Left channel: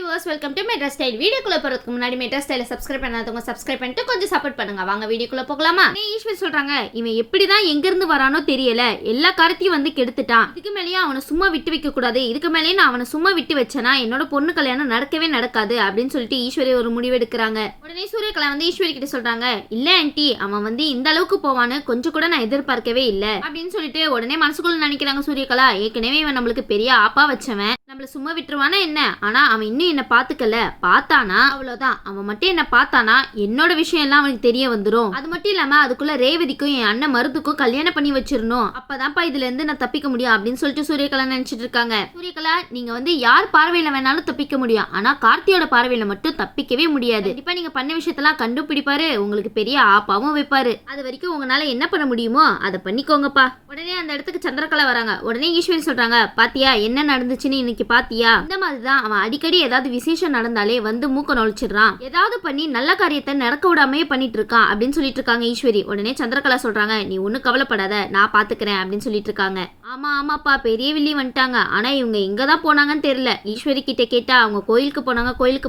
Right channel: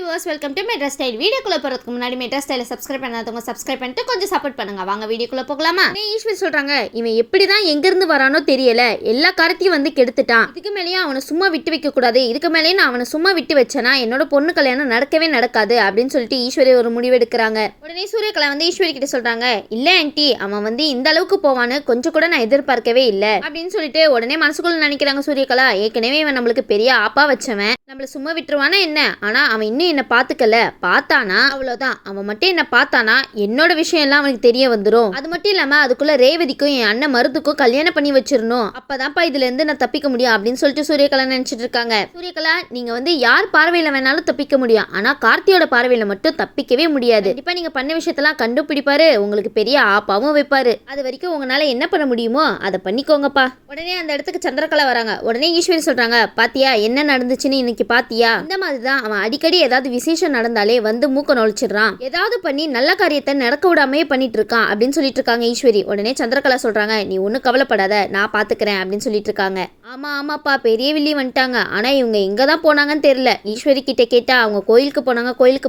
Viewers, welcome to metro style. வீடியோக்குள்ள போறதுக்கு முன்னாடி மெட்ரா ஸ்டைலை சப்ஸ்கிரைப் பண்ணாதவங்க சப்ஸ்கிரைப் பண்ணிட்டு கொஞ்சம் சப்போர்ட் பண்ணுங்க. வாங்க வீடியோக்குள்ள போகலாமா? ஈஸ்வரி சொல்றாங்க, இவன் எப்படிதான் எங்க இருந்து வரானோ தெரியல, எல்லா காரத்தையும் வந்து கெடுத்துட்டான். இதுக்கு மேலேயே அவனை சும்மா விட்டு வைக்க கூடாது. இதுக்கு மேலேயே நான் அவனை சும்மா விட்டு வச்சேனா என்னோட பொண்ணு கல்யாணம் நடக்கவே நடக்காது அப்படின்னு சொல்லிட்டு ஈஸ்வரி ஒரு முடிவு எடுக்கிறாங்க. உடனே சூரியகலா வந்து ஈஸ்வரி கிட்ட சொல்றாங்க, இல்ல ஆன்ட்டி, அவன் வந்து இந்த அளவுக்கு போவான்னு கொஞ்சம் கூட நான் எதிர்பார்க்கவே இல்லை அப்படின்னு சொல்லிட்டு உடனே மனசுக்குள்ள நினைக்கிறாங்க சூரியகலா. ஏற்கனவே இவன் நம்மளுக்கு பெரிய ஆப்பா வச்சவன், நம்மள சும்மா விட்டுருவானா என்ன? ஆனா அவன் இன்னும் என்ன பாத்துக்கல, பார்த்தானா அவ்வளவுதான். அவன் மட்டும் என்ன பார்த்தானா என்னோட விஷயம் எல்லாம் அவனுக்கு தெரிய வந்துடும். அது மட்டும் இல்லாம அதுக்குள்ள ரேவதிக்கும் என் அண்ணன் மருதுக்கும் கல்யாணம் பண்ணி வச்சிடணும். அப்பதான்ப்பா இதுல இருந்து நான் தப்பிக்க முடியும் அப்படின்னு சொல்லிட்டு சூரியகலா நினைச்சிட்டு இருக்காங்க. சூரியகலா, நீங்க வந்து யார் பார்வையில வேணாலும் தப்பிக்க முடியும், ஆனா கார்த்தியோட பார்வையில மட்டும் தப்பிக்கவே முடியாது. கண்டிப்பா நீங்க பண்ண விஷயத்தெல்லாம் கண்டுபிடிப்பாரு, உங்களுக்கு பெரிய ஆப்பாவும் வைப்பாரு. அது வரைக்கும் உங்களால என்ன பண்ண முடியுமோ அதை பண்ணிக்கோங்கப்பா. உடனே அந்த இடத்துக்கு சந்திரகலா வராங்க. உடனே ஈஸ்வரி சொல்றாங்க, பாத்தியா என்ன நடந்துச்சுன்னு இன்னைக்கு பாத்தியா? இந்த மாதிரிதான் அவன் அடிக்கடி ஏதாவது விசேஷம் நடந்தாலே வந்து மூக்க நொழிச்சிடுறான், ஏதாவது பண்ணி நல்ல காரியத்தை நடக்க விடாமே பண்ணிட்டு இருக்கான் அப்படின்னு சொல்லிட்டு இருக்காங்க ஈஸ்வரி. உடனே சந்திரகலா சொல்றாங்க, நீ ஒன்னும் கவலைப்படாத, நான் பாத்துக்கிறேன் அப்படின்னு சொல்லிட்டு இருக்காங்க. ஆமாப்பா, பெரிய வில்லி வந்துட்டாங்க. ஆனா இவங்க எங்க தான் போனாங்கன்னு தெரியல. ஈஸ்வரி கிட்ட கேட்டா அவங்க கோயிலுக்கு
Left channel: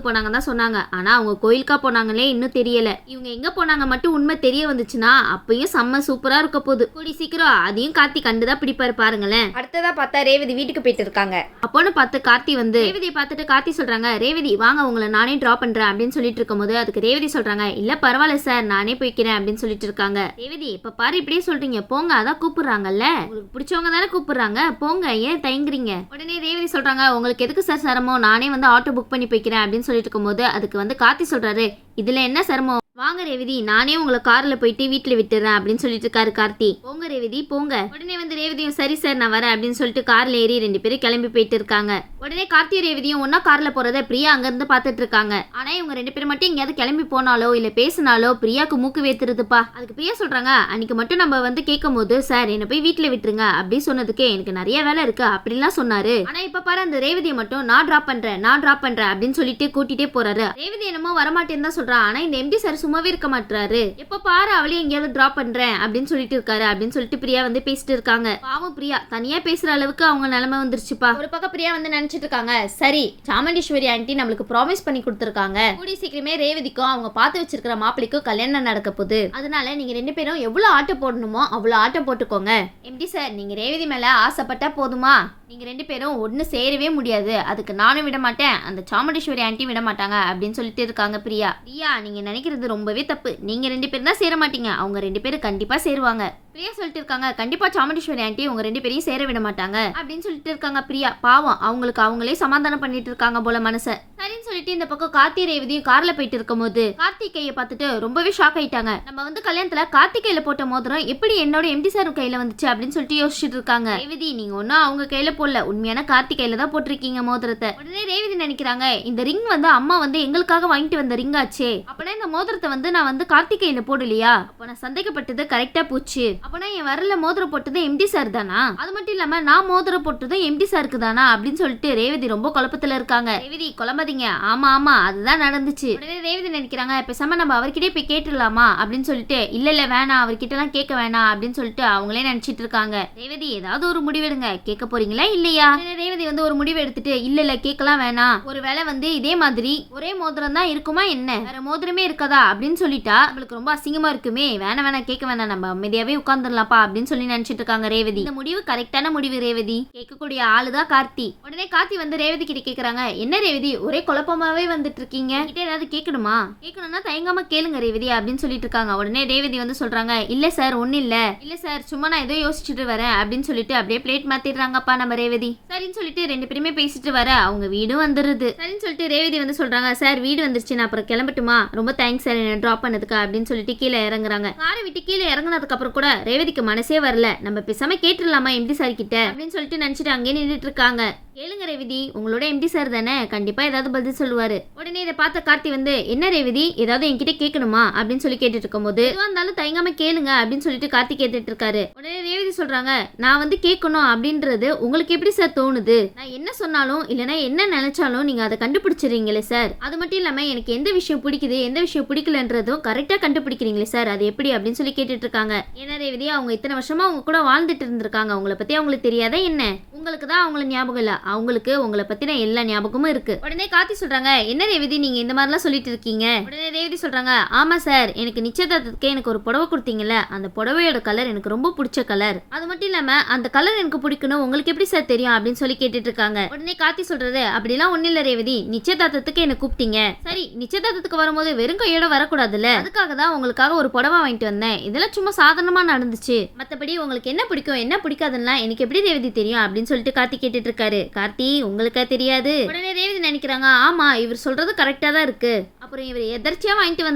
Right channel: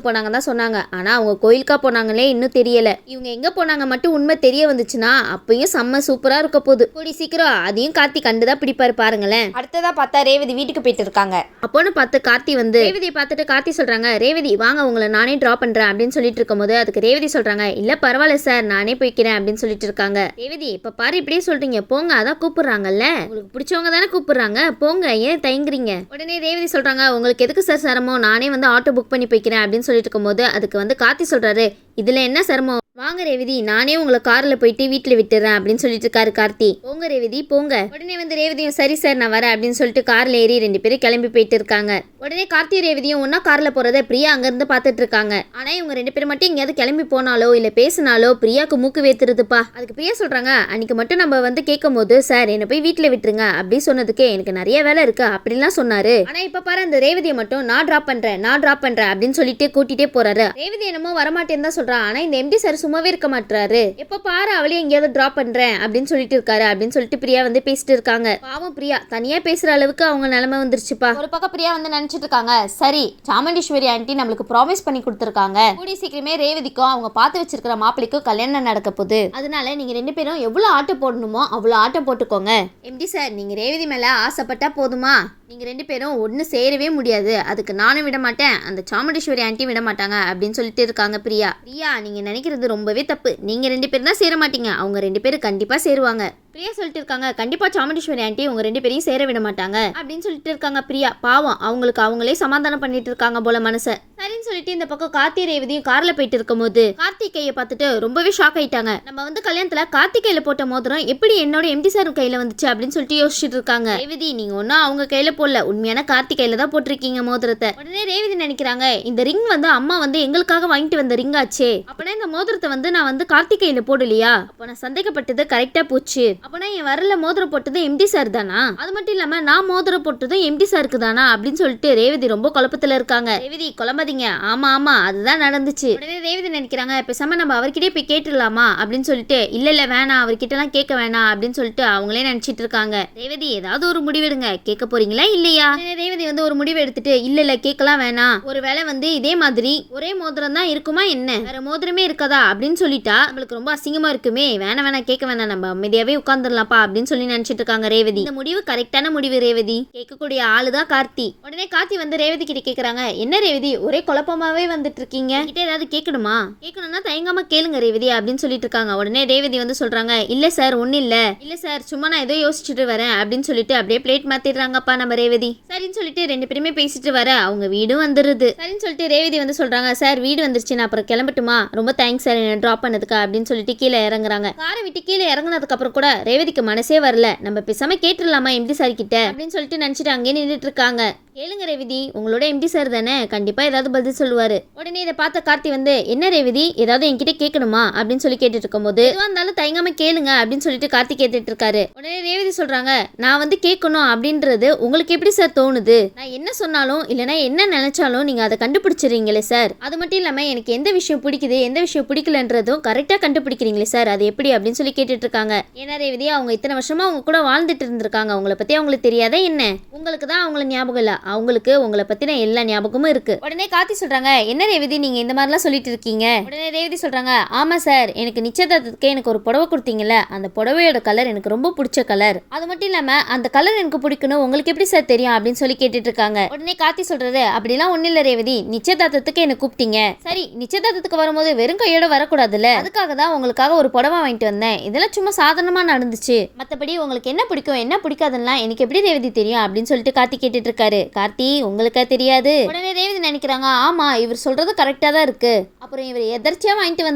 போனாங்க தான் சொன்னாங்க. ஆனா அவங்க கோயிலுக்கா போனாங்களே இன்னும் தெரியல. இவங்க எங்க போனாங்க மட்டும் உண்மை தெரிய வந்துச்சுன்னா அப்பயும் செம்ம சூப்பரா இருக்க போகுது. கூடி சீக்கிரம் அதையும் கார்த்தி கண்டுதான் பிடிப்பாரு பாருங்களேன். அடுத்ததா பார்த்தா ரேவதி வீட்டுக்கு போயிட்டு இருக்காங்க. அப்போன்னு பார்த்து கார்த்தி வந்து ரேவதியை பார்த்துட்டு கார்த்தி சொல்றாங்க, ரேவதி வாங்க, உங்களை நானே டிராப் பண்றேன் அப்படின்னு சொல்லிட்டு இருக்கும்போது அதுக்கு ரேவதி சொல்றாங்க, இல்ல பரவாயில்ல சார், நானே போய்க்கிறேன் அப்படின்னு சொல்லிட்டு இருக்காங்க. ரேவதி, இப்ப பாரு இப்படியே சொல்றீங்க, போங்க, அதான் கூப்பிடுறாங்கல்ல, உங்களுக்கு பிடிச்சவங்க தானே கூப்பிடுறாங்க, போங்க, ஏன் தயங்குறீங்க? உடனே ரேவதி சொல்றாங்க, உங்களுக்கு எதுக்கு சார் சிரமம், நானே வந்து ஆட்டோ புக் பண்ணி போய்க்கிறேன் அப்படின்னு சொல்லிட்டு இருக்கும்போது அதுக்கு வந்து கார்த்தி சொல்றாரு, இதுல என்ன சிரமம், வாங்க ரேவதி, நானே உங்களை கார்ல போயிட்டு வீட்டுல விட்டுறேன் அப்படின்னு சொல்லிட்டு இருக்காரு கார்த்தி. போங்க ரேவதி போங்க. உடனே வந்து ரேவதியும் சரி சார் நான் வரேன் அப்படின்னு சொல்லிட்டு கார்ல ஏறி 2 பேரும் கிளம்பி போயிட்டு இருக்காங்க. உடனே கார்த்தி ரேவதியும் ஒன்னா கார்ல போறத பிரியா அங்க இருந்து பாத்துட்டு இருக்காங்க. ஆனா இவங்க 2 பேரும் மட்டும் எங்கேயாவது கிளம்பி போனாலோ இல்ல பேசினாலோ பிரியாக்கு மூக்கு வேத்துருதுப்பா. அதுக்கு பிரியா சொல்றாங்க, அன்னைக்கு மட்டும் நம்ம வந்து கேட்கும் போது சார் என்ன போய் வீட்டுல விட்டுருங்க அப்படி சொன்னதுக்கு எனக்கு நிறைய வேலை இருக்கு அப்படின்லாம் சொன்னாரு. ஆனா இப்ப பாரு அந்த ரேவதியை மட்டும் நான் டிராப் பண்றேன் அப்படின்னு சொல்லிட்டு கூட்டிட்டே போறாரு. ரேவதி என்னமோ வரமாட்டேன்னு தான் சொல்றான். ஆனா இந்த எம்டி சார் சும்மாவே இருக்க மாட்டாரு. எப்ப பாரு அவளே எங்கேயாவது டிராப் பண்றேன் அப்படின்னு சொல்லிட்டு இருக்காரு அப்படின்னு சொல்லிட்டு பிரியா வந்து பேசிட்டு இருக்காங்க. பாவம் பிரியா தனியா பேசுற அளவுக்கு அவங்க நிலைமை வந்துருச்சுப்பா. ஒரு பக்கம் பிரியா வந்து நினைச்சிட்டு இருக்காங்க, சரி சாமுண்டீஸ்வரி ஆண்டி நம்மளுக்கு ப்ராமிஸ் பண்ணி கொடுத்துருக்காங்க, கூடி சீக்கிரமே ரேவதிக்கும் அவங்க பார்த்து வச்சிருக்கிற மாப்பிளைக்கும் கல்யாணம் நடக்க போகுது. அதனால நீங்க 2 பேரும் எவ்வளவு ஆட்டம் போடணுமோ அவ்வளவு ஆட்டம் போட்டுக்கோங்க. எம்டி சார், நீங்க ரேவதி மேல ஆசைப்பட்டா போதுமா? நீங்க 2 பேரும் ஒன்னு சேரவே முடியாது, அதுக்கு நானும் விட மாட்டேன், அந்த சாமுண்டீஸ்வரி ஆண்டி விட மாட்டாங்க அப்படின்னு சொல்லிட்டு இருக்காங்க பிரியா. நீங்க நினைக்கிறது ரொம்பவே தப்பு. நீங்க 2 பேரும் தான் சேர மாட்டீங்க, அவங்க 2 பேரும் கண்டிப்பா சேருவாங்க. பிரியா சொல்லிட்டு இருக்காங்க, கண்டிப்பா சாமுண்டீஸ்வரி ஆண்டி உங்க 2 பேரையும் சேர விட மாட்டாங்க அப்படின்னு சொல்லிட்டு இருக்காங்க பிரியா. பாவம் அவங்களுக்கு அவங்களே சமாதானம் பண்ணிட்டு இருக்காங்க போல மனசை. சரின்னு சொல்லிட்டு இந்த பக்கம் கார்த்தி ரேவதியும் கார்ல போயிட்டு இருக்கும் போது கார்த்திகையை பார்த்துட்டு ரொம்பவே ஷாக் ஆயிட்டாங்க. நம்ம வந்து கல்யாணத்துல கார்த்திகையில போட்ட மோதிரம் எப்படி என்னோட எம்டி சார் கையில வந்துச்சு அப்படின்னு சொல்லிட்டு யோசிச்சுட்டு இருக்காங்க. ரேவதி, நீங்க ஒன்னும் அவங்க கையில போடல, உண்மையான கார்த்திகையில தான் போட்டிருக்கீங்க மோதிரத்தை. உடனே ரேவதி நினைக்கிறாங்க, இந்த ரிங் வந்து அம்மா வந்து எங்களுக்காக வாங்கிட்டு வந்த ரிங் ஆச்சே, அப்பனா இந்த மோதிரத்தை வந்து நான் வந்து கார்த்திகையில போடலையா? அப்ப நான் சந்தேகப்பட்டது கரெக்டா போச்சு. அப்பனா என் வரல மோதிரம் போட்டது எம்டி சார் தானா? அது மட்டும் இல்லாம நான் மோதிரம் போட்டதும் எம்டி சாருக்கு தானா அப்படின்னு சொல்லிட்டு ரேவதி ரொம்ப குழப்பத்துல இருக்காங்க. ரேவதி குழம்பாதீங்க, ஆமா அதுதான் நடந்துச்சு. உடனே ரேவதி நினைக்கிறாங்க, பேசாம நம்ம அவர்கிட்டே போய் கேட்டுடலாமா அப்படின்னு சொல்லிட்டு, இல்ல வேணாம், அவர்கிட்ட எல்லாம் கேட்க வேணாம் அப்படின்னு சொல்லிட்டு அவங்களே நினைச்சிட்டு இருக்காங்க. ரேவதி, ஏதாவது ஒரு முடிவெடுங்க, கேட்க போறீங்களா இல்லையா? ரேவதி வந்து ஒரு முடிவு எடுத்துட்டு, இல்ல கேட்கலாம் வேணாம், ஒருவேளை வந்து இதே மாதிரி ஒரே மோதிரம் தான் இருக்குமா என்ன, வேற மோதிரமே இருக்காதா அப்படின்னு சொல்லிட்டா நம்மளுக்கு ரொம்ப அசிங்கமா இருக்குமே, வேணாம் கேட்க வேணாம், நம்ம அமைதியாவே உட்கார்ந்துடலாம்ப்பா அப்படின்னு சொல்லி நினைச்சிட்டு இருக்காங்க ரேவதி. இந்த முடிவு கரெக்டான முடிவு ரேவதி, கேட்கக்கூடிய ஆளுதான் கார்த்தி. உடனே கார்த்தி வந்து ரேவதி கிட்ட கேக்குறாங்க, என்ன ரேவதி ஒரே குழப்பமாவே வந்துட்டு இருக்கீங்க, கிட்ட ஏதாவது கேட்கணுமா? கேட்கணும்னா தயங்காம கேளுங்க ரேவதி அப்படின்னு சொல்லிட்டு இருக்காங்க. உடனே ரேவதி வந்து சொல்றாங்க, இல்ல சார் ஒன்னும் இல்ல சார், சும்மா நான் ஏதோ யோசிச்சுட்டு வரேன் அப்படின்னு சொல்லிட்டு அப்படியே பிளேட் மாத்திடுறாங்கப்பா நம்ம ரேவதி. சரின்னு சொல்லிட்டு 2 பேருமே பேசிட்டு வர அவங்க வீடும் வந்துருது. சரின்னு சொல்லிட்டு ரேவதி வந்து சொல்றாங்க, சார் வீடு வந்துருச்சு, நான் அப்புறம் கிளம்பட்டுமா, ரொம்ப தேங்க்ஸ் சார் என்ன டிராப் பண்ணதுக்கு அப்படின்னு சொல்லிட்டு கீழே இறங்குறாங்க. காரை விட்டு கீழே இறங்குனதுக்கு அப்புறம் கூட ரேவதிக்கு மனசே வரல, நம்ம பேசாம கேட்டுடலாமா எம்டி சார் கிட்ட அப்படின்னு சொல்லிட்டு நினைச்சிட்டு அங்கே நின்றுட்டு இருக்காங்க. கேளுங்க ரேவதி, உங்களோட எம்டி சார் தானே, கண்டிப்பா ஏதாவது பதில் சொல்லுவாரு. உடனே இதை பார்த்த கார்த்தி வந்து, என்ன ரேவதி ஏதாவது என்கிட்ட கேட்கணுமா அப்படின்னு சொல்லி கேட்டுட்டு இருக்கும் போது, எதுவா இருந்தாலும் தயங்காம கேளுங்க அப்படின்னு சொல்லிட்டு கார்த்தி கேட்டுட்டு இருக்காரு. உடனே ரேவதி சொல்றாங்க, நான் வந்து கேட்கணும் அப்படின்றது உங்களுக்கு எப்படி சார் தோணுது? நான் என்ன சொன்னாலும் இல்லைன்னா என்ன நினைச்சாலும் நீங்க அதை கண்டுபிடிச்சிருங்களே சார். அது மட்டும் இல்லாம எனக்கு எந்த விஷயம் பிடிக்குது எந்த விஷயம் பிடிக்கலன்றதும் கரெக்டா கண்டுபிடிக்கிறீங்களே சார், அது எப்படி அப்படின்னு சொல்லி கேட்டுட்டு இருக்காங்க. ஏன்னா ரேவதி அவங்க இத்தனை வருஷமா அவங்க கூட வாழ்ந்துட்டு இருந்திருக்காங்க, உங்களை பத்தி அவங்களுக்கு தெரியாதா என்ன? உங்களுக்கு தான் அவங்கள ஞாபகம் இல்ல, அவங்களுக்கு உங்களை பத்தின எல்லா ஞாபகமும் இருக்கு. உடனே கார்த்தி சொல்றாங்க, என்ன ரேவதி நீங்க இந்த மாதிரிலாம் சொல்லிட்டு இருக்கீங்க? உடனே ரேவதி சொல்றாங்க, ஆமா சார், எனக்கு நிச்சயதார்த்தத்துக்கு எனக்கு ஒரு புடவை கொடுத்தீங்கல்ல, அந்த புடவையோட கலர் எனக்கு ரொம்ப பிடிச்ச கலர். அது மட்டும் இல்லாம அந்த கலர் எனக்கு பிடிக்கணும், உங்களுக்கு எப்படி சார் தெரியும் அப்படின்னு சொல்லி கேட்டுட்டு இருக்காங்க. உடனே கார்த்தி சொல்றது, அப்படிலாம் ஒண்ணு இல்ல ரேவதி, நிச்சயதார்த்தத்துக்கு என்ன கூப்பிட்டீங்க, சரி நிச்சயதார்த்தத்துக்கு வரும்போது வெறும் கையோட வரக்கூடாதுல்ல, அதுக்காக தான் உங்களுக்காக ஒரு புடவை வாங்கிட்டு வந்தேன், இதெல்லாம் சும்மா சாதாரணமா நடந்துச்சு, மத்தபடி உங்களுக்கு என்ன பிடிக்கும் என்ன பிடிக்காதுன்னா எனக்கு எப்படி ரேவதி தெரியும் அப்படின்னு சொல்லிட்டு கார்த்தி கேட்டுட்டு இருக்காரு. கார்த்தி உங்களுக்கா தெரியாது? உடனே ரேவதி நினைக்கிறாங்க, ஆமா இவர் சொல்றது கரெக்டா தான் இருக்கு, அப்புறம் இவர் எதர்ச்சியா வாங்கிட்டு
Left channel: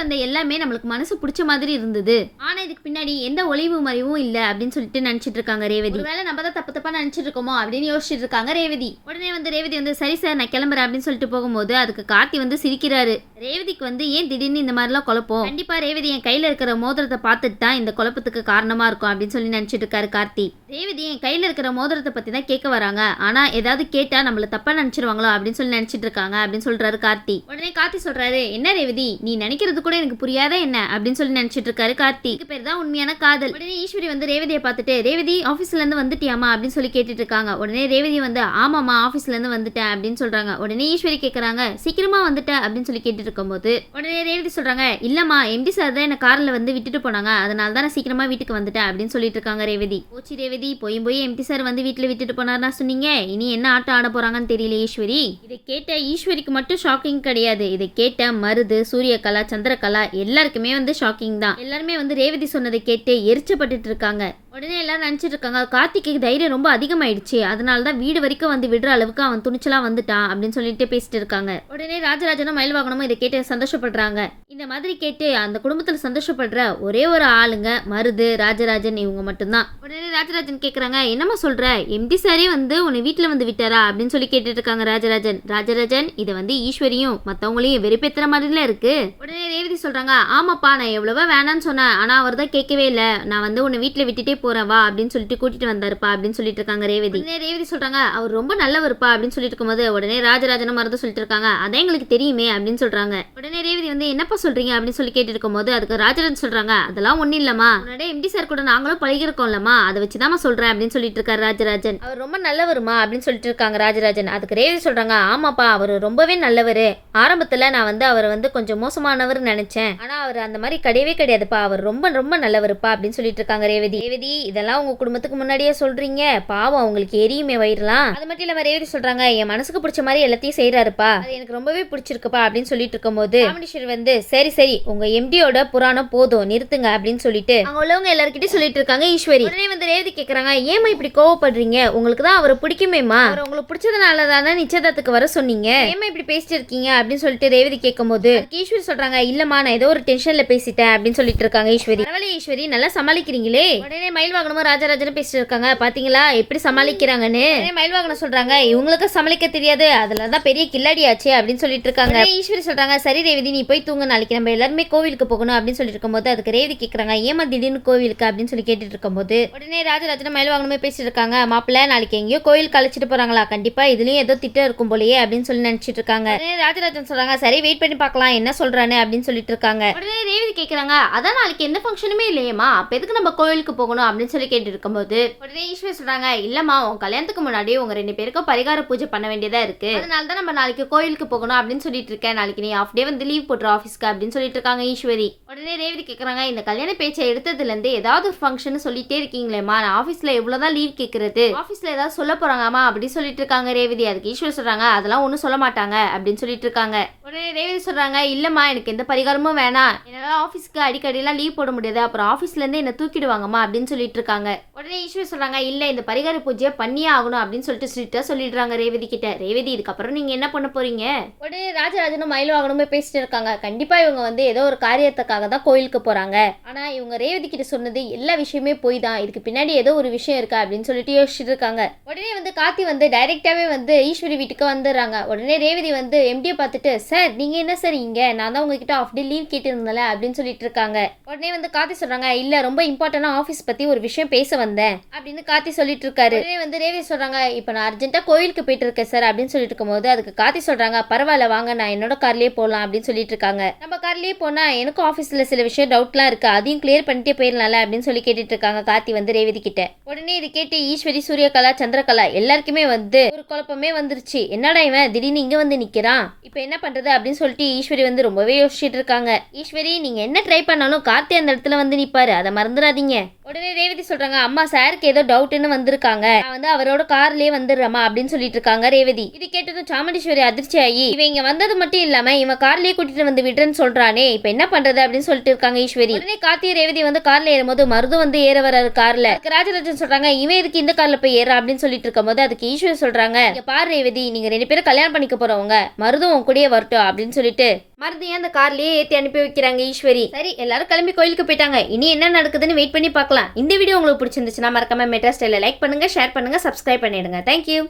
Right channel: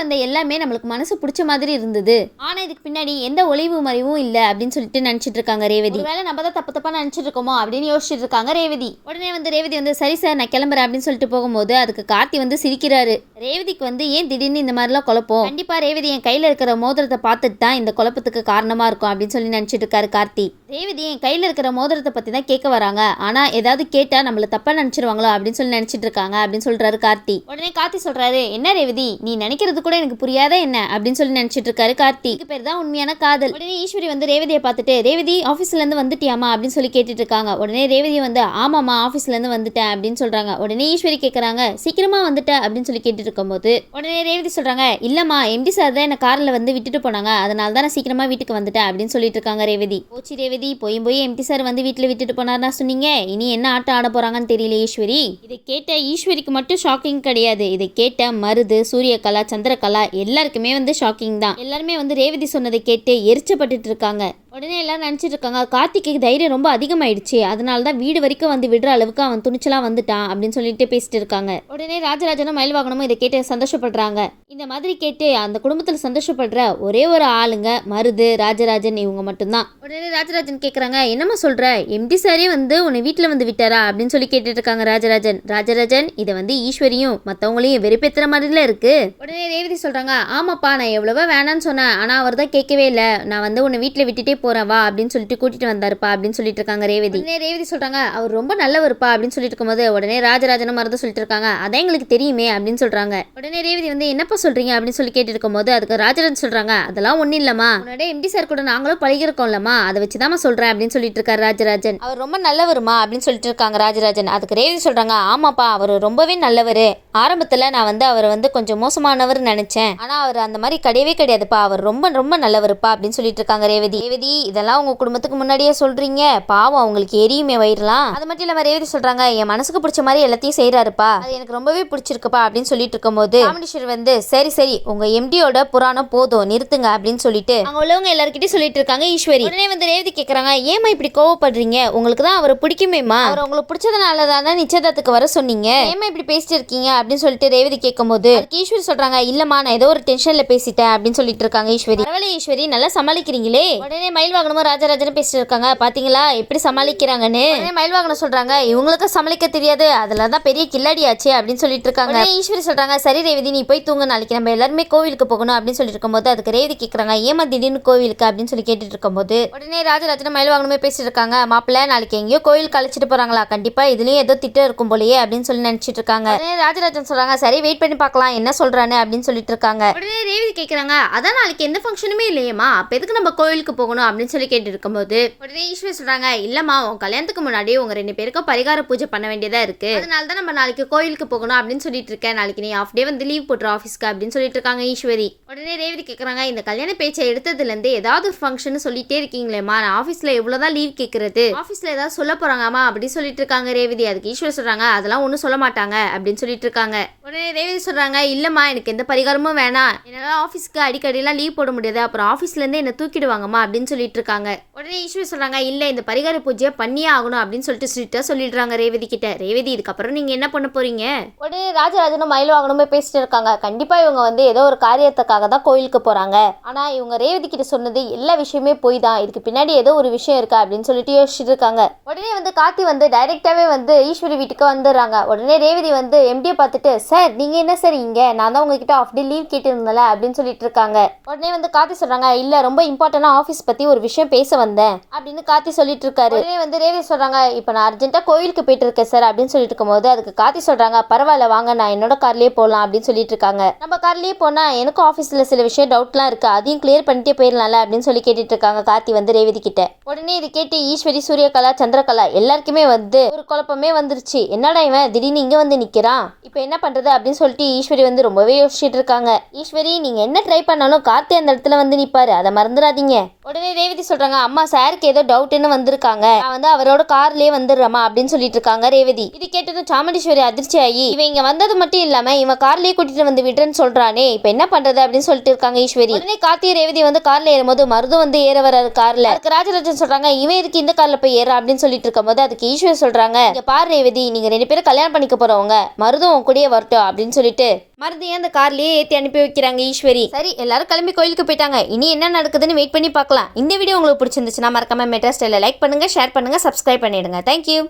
வந்த எல்லாமே நம்மளுக்கு மனசு பிடிச்ச மாதிரி இருந்தது, ஆனா இதுக்கு பின்னாடி எந்த ஒளிவு மறைவும் இல்ல அப்படின்னு சொல்லிட்டு நினைச்சிட்டு இருக்காங்க ரேவதி. ஒருவேளை நம்ம தான் தப்பா நினைச்சிட்டு இருக்கோமோ அப்படின்னு யோசிச்சுட்டு இருக்காங்க ரேவதி. உடனே ரேவதி சரி சார் நான் கிளம்புறேன் அப்படின்னு சொல்லிட்டு போகும்போது அதுக்கு கார்த்தி சிரிக்கிறாரு. ரேவதிக்கு ஏன் திடீர்னு இந்த மாதிரிலாம் குழப்பம், கண்டிப்பா ரேவதி என் கையில இருக்கிற மோதிரத்தை பார்த்துட்டு தான் இந்த குழப்பத்துக்கு காரணமா இருக்கும் அப்படின்னு சொல்லி நினைச்சிட்டு இருக்காரு கார்த்தி. ரேவதி என் கையில இருக்கிற மோதிரத்தை பத்தி தான் கேட்க வராங்க, ஆனா ஏதாவது கேட்டா நம்மள தப்பா நினைச்சிருவாங்களோ அப்படின்னு சொல்லி நினைச்சிட்டு இருக்காங்க அப்படின்னு சொல்றாரு கார்த்தி. உடனே கார்த்தி சொல்றாரு, என்ன ரேவதி நீ நினைக்கிறது கூட எனக்கு புரியாத என்ன அப்படின்னு சொல்லி நினைச்சிட்டு இருக்காரு கார்த்தி. இது பேர் தான் உண்மையான காதல். உடனே ஈஸ்வரி ரேவதியை பார்த்துட்டு, ரேவதி ஆபீஸ்ல இருந்து வந்துட்டியாமா அப்படின்னு சொல்லி கேட்டுட்டு இருக்காங்க. உடனே ரேவதி ஆமாமா ஆபீஸ்ல இருந்து வந்துட்டேன் அப்படின்னு சொல்றாங்க. உடனே ஈஸ்வரி கேட்கறாங்க, சீக்கிரமா வந்துட்டேன் அப்படின்னு சொல்லி கேட்டுட்டு இருக்கும்போது உடனே ரேவதி சொல்றாங்க, இல்லம்மா எம்டி சார் தான் என்ன கார்ல விட்டுட்டு போனாங்க, அதனால தான் நான் சீக்கிரமா வீட்டுக்கு வந்துட்டேன் அப்படின்னு சொல்லிட்டு இருக்காங்க ரேவதி. போச்சு ரேவதி, போய் எம்டி சார் வீட்டுல விட்டுட்டு போனார்னா சொன்னீங்க, இனி என்ன ஆட்டம் ஆட போறாங்கன்னு தெரியல ஈஸ்வரி. இதை கேட்ட ஈஸ்வரிக்கு மட்டும் ஷாக்கிங் கிடையாது, இதை கேட்ட மருது, சூரியகலா, சந்திரகலா எல்லாருக்குமே ஷாக்கிங் தான். எல்லாருமே ரேவதி சொன்னதை கேட்டு எரிச்சப்பட்டு இருக்காங்க. உடனே எல்லாரும் நினைச்சிட்டு இருக்காங்க, கார்த்திக்கு தைரியம் ரொம்ப அதிகமாயிடுச்சு, அதனால தான் வீடு வரைக்கும் விடுற அளவுக்கு அவன் துணிச்சலா வந்துட்டான் அப்படின்னு சொல்லிட்டு பேசிட்டு இருக்காங்க. உடனே ராஜராஜனும் மயில்வாகனமும் இதை கேட்டு சந்தோஷப்படுறாங்க. இந்த மாதிரி கேட்டு அந்த குடும்பத்துல சந்தோஷப்படுற ஒரே ஒரு ஆளுங்க மருது, ராஜராஜன் இவங்க மட்டும்தான். உடனே ராஜராஜன் கேக்குறாங்க, என்னம்மா சொல்ற, எம்டி சாரே உன்னை வீட்டுல விட்டாரா அப்படின்னு சொல்லி கேட்டுட்டு இருக்காங்க ராஜராஜன். ராஜராஜன் இதை ஈஸ்வரியும் மத்தவங்களையும் வெறுப்பேத்துற மாதிரில இருக்கு. உடனே ரேவதி சொல்றாங்க, ஆமாப்பா நான் எவ்வளவோ வேணான்னு சொன்னேன், ஆனா அவர் தான் கேட்கவே இல்லை, நான் உன்னை வீட்டுல விட்டுட்டே போறேன் வா அப்படின்னு சொல்லிட்டு கூட்டிட்டு வந்தாருப்பா அப்படின்னு சொல்லிட்டு இருக்காங்க ரேவதி. உடனே ரேவதி சொல்றாங்க, அவர் ரொம்ப நல்லவருப்பா அப்படின்னு சொல்லிட்டு இருக்கும்போது உடனே ராஜராஜனும் மருந்து சொல்லிட்டு இருக்காங்க, அதான் எங்களுக்கு தெரியுமே அப்படின்னு சொல்றாங்க. உடனே ரேவதி என்னப்பா சொல்றீங்க அப்படின்னு சொல்லி கேட்டு இருக்கும்போது அதுக்கு ராஜராஜன் சொல்றாங்க, அதெல்லாம் ஒண்ணு இல்லம்மா, உன்னோட எம்டி சார் கூட நாங்களும் பழகிருக்கோம்லம்மா, அதை வச்சுதான் சொல்றேன் அப்படின்னு சொல்லிட்டு இருக்காரு ராஜராஜன். அவர் ரொம்ப நல்லவருமா அப்படின்னு சொல்லிட்டு இருக்காங்க ராஜராஜன். அதுக்கு ரேவதி சொல்றாங்க, ஆமாப்பா அவர் ரொம்பவே நல்லவரு, ஆரம்பத்துல நான் அவரை கொஞ்சம் மோசமானவர் நினைச்சேன், ஆனா அவர் அந்த மாதிரி கிடையவே கிடையாதுப்பா, அவர் ரொம்ப ரொம்ப நல்லவருப்பா அப்படின்னு சொல்லிட்டு இருக்காங்க ரேவதி. ரேவதி இதெல்லாம் உங்க குடும்பத்துக்கு முன்னாடியே சொல்றீங்க, பாவம் அவங்களுக்கு எரியுமே வயிறலாம். அது மட்டும் இல்லாம ரேவதி சொல்றாங்க, என் மனசுக்கு பிடிச்ச மாதிரி எல்லாத்தையும் செய்யறாருப்பா, அது எனக்கு ரொம்பவே பிடிச்சிருக்குப்பா அப்படின்னு சொல்லிட்டு இருக்கும்போது ராமேஸ்வரி சரி சரி உங்க எம்டியோட புராணம் போதும் நிறுத்துங்க அப்படின்னு சொல்லிட்டு அங்க உள்ளவங்க எல்லார்கிட்டயும் சொல்லிட்டு இருக்காங்க ஈஸ்வரி. உடனே ரேவதி கேக்குறாங்க, ஏமா இப்படி கோவப்படுறீங்க, உங்களுக்கு தான் அவரை பிடிக்குமேமா, அவர் உங்களுக்கு பிடிச்சதுனால தானே நிச்சயதார்த்தத்துக்கு வர சொன்னீங்க, ஏமா இப்படி பேசிட்டு இருக்கீங்க அப்படின்னு சொல்லிட்டு ரேவதி கேட்கும்போது ஈஸ்வரி சொல்றாங்க, இல்லம்மா நான் ஏதோ ஒரு டென்ஷன்ல பேசிட்டேன் அப்படின்னு சொல்லிட்டு இருக்காங்க ஈஸ்வரி. பரவாயில்ல ஈஸ்வரி நல்லா சமாளிக்கிறீங்களே. உடனே மயில்வாகனமும் ராஜராஜனும் பேசிட்டு இருக்காங்க, பாத்தீங்களா எப்படி சமாளிக்கிறாங்கன்னு. மயில்வாகனம் சொல்றாங்க, இவங்களுக்கு சமாளிக்க தெரியாது, அதுலதான் பெரிய கில்லாடியாச்சு அப்படின்னு சொல்லிட்டு இருக்காங்க. ஈஸ்வரி சொல்றாங்க, சரி ரேவதி நீ போய் தூங்க, நாளைக்கு நம்ம எல்லாருமே கோவிலுக்கு போகணும் அப்படின்னு சொல்லிட்டு இருக்கும்போது அதுக்கு ரேவதி கேட்கறாங்க, ஏமா திடீர்னு கோவிலுக்கு அப்படின்னு சொல்லி கேட்டுட்டு இருக்கும்போது உடனே ராஜராஜனும் மயில்வாகனமே பேசிட்டு இருக்காங்க, மாப்பிள்ள நாளைக்கு எங்கேயோ கோயிலுக்கு அழைச்சிட்டு போறாங்களா, கண்டிப்பா இதுலயும் ஏதோ திட்டம் இருக்கும் போலயே அப்படின்னு சொல்லி நினைச்சிட்டு இருக்காங்க. உடனே ராஜராஜன் சொல்றாங்க, சரி வெயிட் பண்ணி பார்க்கலாம் என்ன சொல்றானு அப்படின்னு சொல்லிட்டு இருக்காங்க. உடனே ரேவதி கேட்கறாங்க, அதான் நாளைக்கு எந்த ஃபங்க்ஷனுமே இல்லையேமா, அப்ப எதுக்கு நம்ம கோயிலுக்கு போகணும் அப்படின்னு சொல்லி கேட்டு இருக்கும்போது உடனே ஈஸ்வரி சொல்றாங்க, இல்லம்மா உன் கல்யாணத்துக்கு முன்னாடி உங்க 2 பேருக்கும் பரிகார பூஜை பண்ண வேண்டியதா இருக்கு, அதனால தான் நம்ம நாளைக்கு கோயிலுக்கு போகணும் அப்படின்னு சொல்லிட்டு இருக்கேன், நாளைக்கு நீ ஆஃப் டே லீவ் போட்டுரு ஆஃபீஸ்க்கு அப்படின்னு சொல்லிட்டு இருக்காங்க ஈஸ்வரி. உடனே ரேவதி கேட்கறாங்க, இந்த கல்யாண பேச்சை எடுத்ததுல இருந்து ஏதாவது ஃபங்க்ஷன் சொல்லிட்டே இருக்கீங்களேம்மா, நான் ஆஃபீஸ்ல எவ்வளவுதான் லீவ் கேட்கறது, ஆஃபீஸ்ல ஏதாவது சொல்ல போறாங்கம்மா அப்படின்னு சொல்லிட்டு இருக்காங்க ரேவதி. அதுக்கு ஈஸ்வரி சொல்றாங்க, அதெல்லாம் ஒன்றும் சொல்ல மாட்டாங்க அப்படின்னு சொல்லிட்டு இருக்காங்க. உடனே ரேவதி சொல்றாங்க, இல்லம்மா எனக்கு எந்த பரிகாரமும் வேணாம், என்னால ஆஃபீஸ்க்கு அடிக்கடிலாம் லீவ் போட முடியாது, அப்புறம் ஆஃபீஸ்ல இருந்து என்ன தூக்கிடுவாங்கம்மா அப்படின்னு சொல்லிட்டு இருக்காங்க. உடனே ஈஸ்வரி சொல்றாங்க, இல்ல இந்த பரிகார பூஜையை பண்ணியே ஆகணும் அப்படின்னு சொல்லிட்டு ஸ்ட்ரிக்ட்டா சொல்லிடுறாங்க ரேவதி கிட்ட. ரேவதி இதுக்கப்புறம் நீங்க என்ன பண்ண போறீங்க? உடனே ராஜராஜனும் மயில்வாகனமே பேசிட்டு இருக்காங்க, கண்டிப்பா இவங்க ஏதோ ஒரு காரியத்துக்காக தான் கோயிலுக்கு போறாங்க, ஆனா இவங்க ரேவதி கிட்ட சொன்னது எல்லா விஷயமே போய் தான், இதுக்கு பின்னாடி ஏதோ ஒரு விஷயம் இருக்கா அப்படின்னு சொல்லிட்டு யோசிச்சுட்டு இருக்காங்க. உடனே கார்த்தி டைரக்டாவே ஈஸ்வரி வீட்டுக்கு வந்துடுறாங்க. உடனே ரேவதி எம்டியை பார்த்துட்டு, சார் நீங்க என்ன சார் இங்க, நான் தான் உங்ககிட்ட ஆஃப் டே லீவ் கேட்டிருந்தேன்ல அப்படின்னு சொல்லிட்டு இருக்காங்க. உடனே கார்த்தி சொல்றாங்க, இல்ல ரொம்ப இம்பார்ட்டன்டா ஆஃபீஸ் பத்தி ஒரு விஷயம் பேச வந்தேன் அப்படின்னு கார்த்தி சொல்லிட்டு இருக்காரு. உடனே ரேவதி சொல்றாங்க, இப்ப நான் அர்ஜென்ட்டா கோயிலுக்கு போயிட்டு இருக்கேன் சார் அப்படின்னு சொல்லிட்டு இருக்கும்போது அதுக்கு கார்த்தி சொல்றாங்க, பரவாயில்ல வாங்க நான் என்னோட கார்லயே போகலாம் அப்படின்னு சொல்லிட்டு இருக்காங்க. நம்ம கார்லயே போனா எனக்கும் ஆஃபீஸில் சில விஷயம் டவுட்லாம் இருக்கு, அதையும் கிளியர் பண்ணிட்டே போயிடலாம்ல அப்படின்னு சொல்லி கேட்டுட்டு இருக்காங்க கார்த்தி வந்து ரேவதி கிட்ட. உடனே இது கேட்டு ஈஸ்வரி, சூரியகலா, சந்திரகலா எல்லாருக்குமே வந்து ஒரு குழப்பமே வந்துருச்சு. என்னடா இவன் திடீர்னு இங்க வந்து நிக்கிறான், இப்போ என்ன பண்றது அப்படின்னு சொல்லிட்டு ஈஸ்வரி வந்து ரொம்பவே யோசிச்சுட்டு இருக்காங்க. ஈஸ்வரி, நீங்க என்ன ட்ரை பண்ணாலும் கார்த்தி அந்த இடத்துல வந்து நிப்பாரு, அதை மறந்துடாதீங்க. உடனே ரேவதி சொல்றாங்க, அம்மா சாருக்கு ஏதோ டவுட்னு வந்திருக்காங்க, நான் வந்து அவரோட கார்லயே வந்துடுறேம்மா அப்படின்னு சொல்லிட்டு இருக்காங்க ரேவதி. இது கேட்டதும் சாமுண்டீஸ்வரி அதிர்ச்சி ஆகி, இவன் இங்க வந்தது மட்டும் இல்லாம இவன் கார்லயே கூட்டிட்டு வந்து விடுறேன்னு சொல்றானே, இப்ப என்ன பண்றது அப்படின்னு சொல்லிட்டு இருக்காங்க ஈஸ்வரி. உடனே கார்த்தி ரேவதி வந்து கார்ல ஏறும்போது மருதும் வந்து ஏற வராரு கார்ல. அதுக்கு ராஜராஜன் சொல்றாங்க, இவன் இருக்கு இந்த கார்ல போய் ஏற அப்படின்னு சொல்லிட்டு இருக்கும்போது அதுக்கு ஈஸ்வரி சொல்றாங்க, இங்க பாரு ரேவதி, நீங்க 2 பேரும் கல்யாணம் பண்ணிக்க போறவங்க, மருதும் உன் கூடயே வரட்டும் அப்படின்னு சொல்லிட்டு மருதையும் அந்த கார்லயே ஏற்றி அனுப்பி வைக்கிறாங்க ஈஸ்வரி. சரி, எல்லாரும் கிளம்பி கோயிலுக்கு போயிட்டாங்க. இனி என்ன நடக்குதுன்னு வெயிட் பண்ணி பார்க்கலாம். இந்த வீடியோ உங்களுக்கு பிடிச்சிருந்துச்சுன்னா மறக்காம மெட்ரா ஸ்டைலை லைக் பண்ணுங்க, ஷேர் பண்ணுங்க, சப்ஸ்கிரைப் பண்ணிடுங்க. தேங்க்யூ.